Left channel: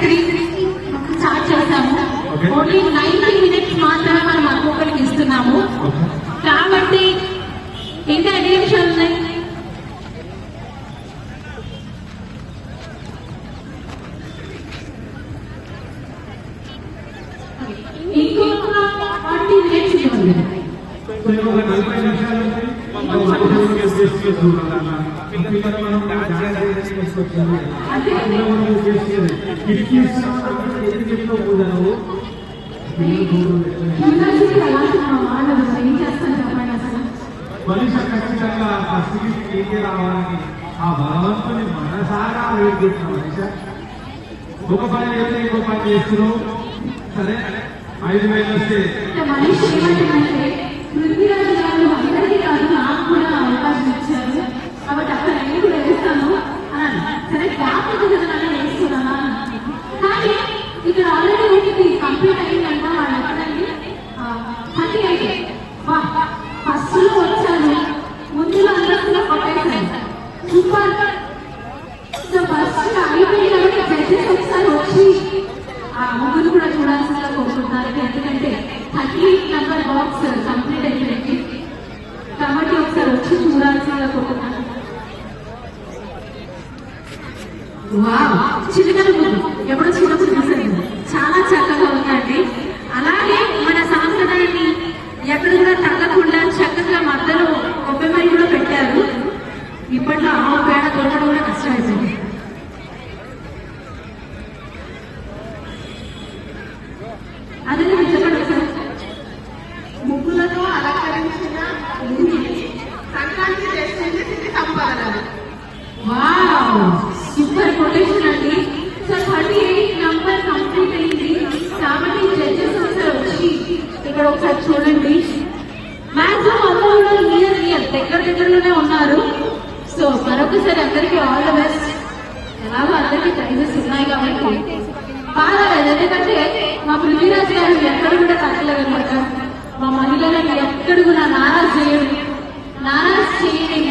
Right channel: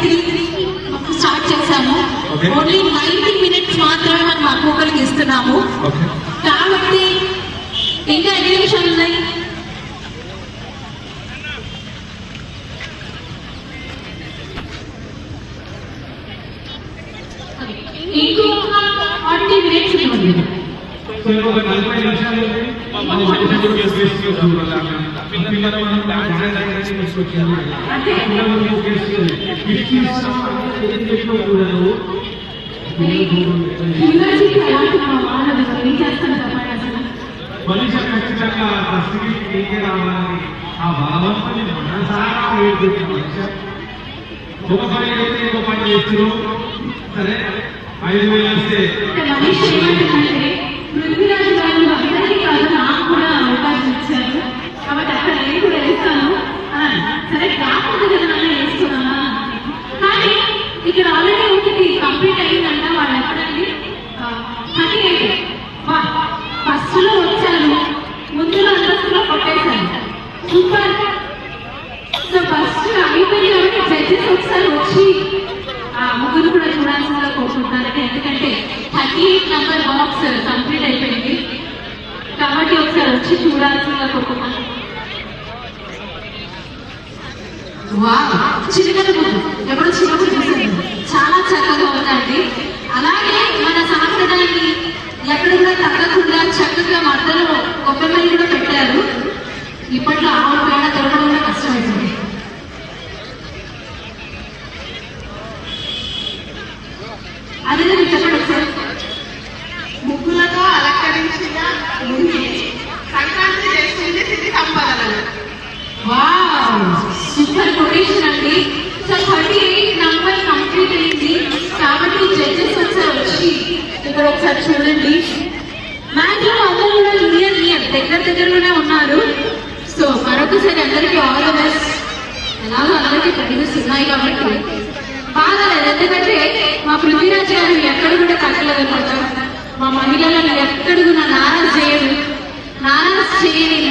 Three start చేశాము Okay. Only ninety minutes మాత్రమే మనం ఒక్కొక్కరికి ఇస్తున్నాము. కాబట్టి ఇంకా ఎన్ని ఉన్నాయి? ఇంకొక ఫార్టీ మినిట్స్ పిల్లలు మనం డాన్స్ చేయడానికి తీసుకొచ్చాము పిల్లలు ఎందుకు కూడదు ఒక పని ఇంకో పని చేస్తున్నాం సరే ఐదు వేలు ఎయిట్ నెంబర్ బాక్స్ కంప్లీట్ అయిపోయింది. కాబట్టి ఒకసారి వచ్చి కోరుకుంటున్నాను వా ఇక్కడ ఒకసారి చూడండి. మ్యాక్సిమం అందరూ కూడా నియర్ నియర్ దగ్గర దగ్గరలోనే ఉన్నారు. సో మరొకసారి అందరికీ ఆల్ ద బెస్ట్ ఎలాగో అందరికీ ప్రైజెస్ ఉన్నాయి కాబట్టి. బాగాలేదు ఎందుకంటే మా పృథ్వీరాజ్ గారు ఎక్కడ కూడా తగ్గలేదు మా మహిళలను ఎక్కడ కూడా నారాజ్ చేయరు. నారాజ్ చేయని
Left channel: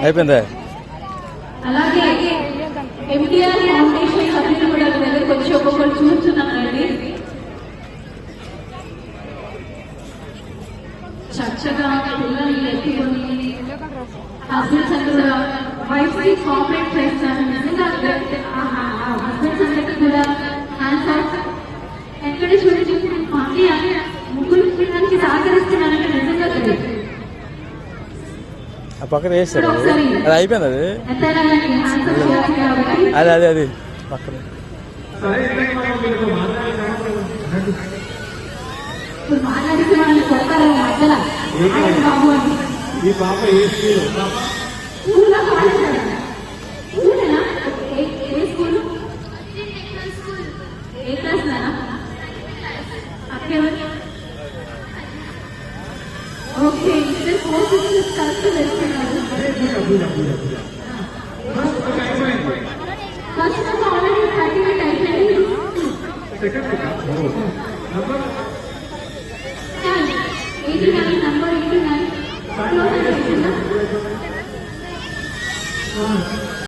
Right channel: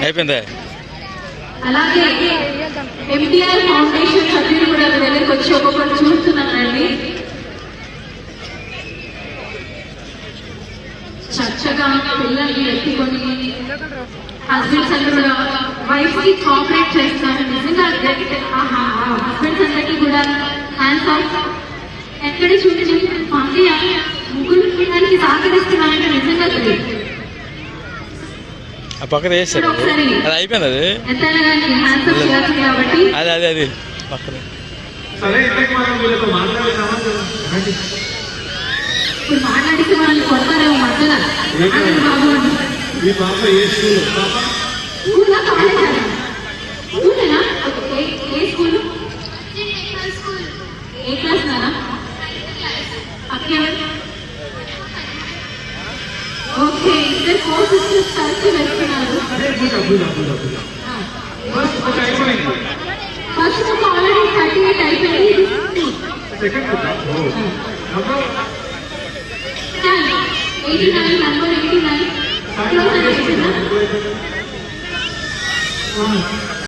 అయిపోయిందా? అలాగే ఎంటీఆర్ ఫౌండేషన్ సభ్యులు కూడా మీ వచ్చి ఒక్కొక్కరు చక్కగా పిల్లల్ని ఎత్తుకొని హస్బెండ్స్ అందరూ కూడా వైఫ్కి చేస్తారు. నిజంగా హస్బెండ్స్ అందరికీ కూడా హ్యాండ్స్ ఆఫ్ ఎక్కడ అని ముగ్గురు పిల్లలకి సహకరిస్తున్నారంటే నిజంగా తెలియదు ఆ పక్కన వేస్తాడు అది అయిపోయింది అది? అది అది అది. పక్కన. కొడతారేమో మధ్యలో ఏంటి? బాబు বুঝাও বুঝাও বুঝাও বুঝাও First of all, already starting the typing. Second of all, oh. Number? 89, number 89. Close the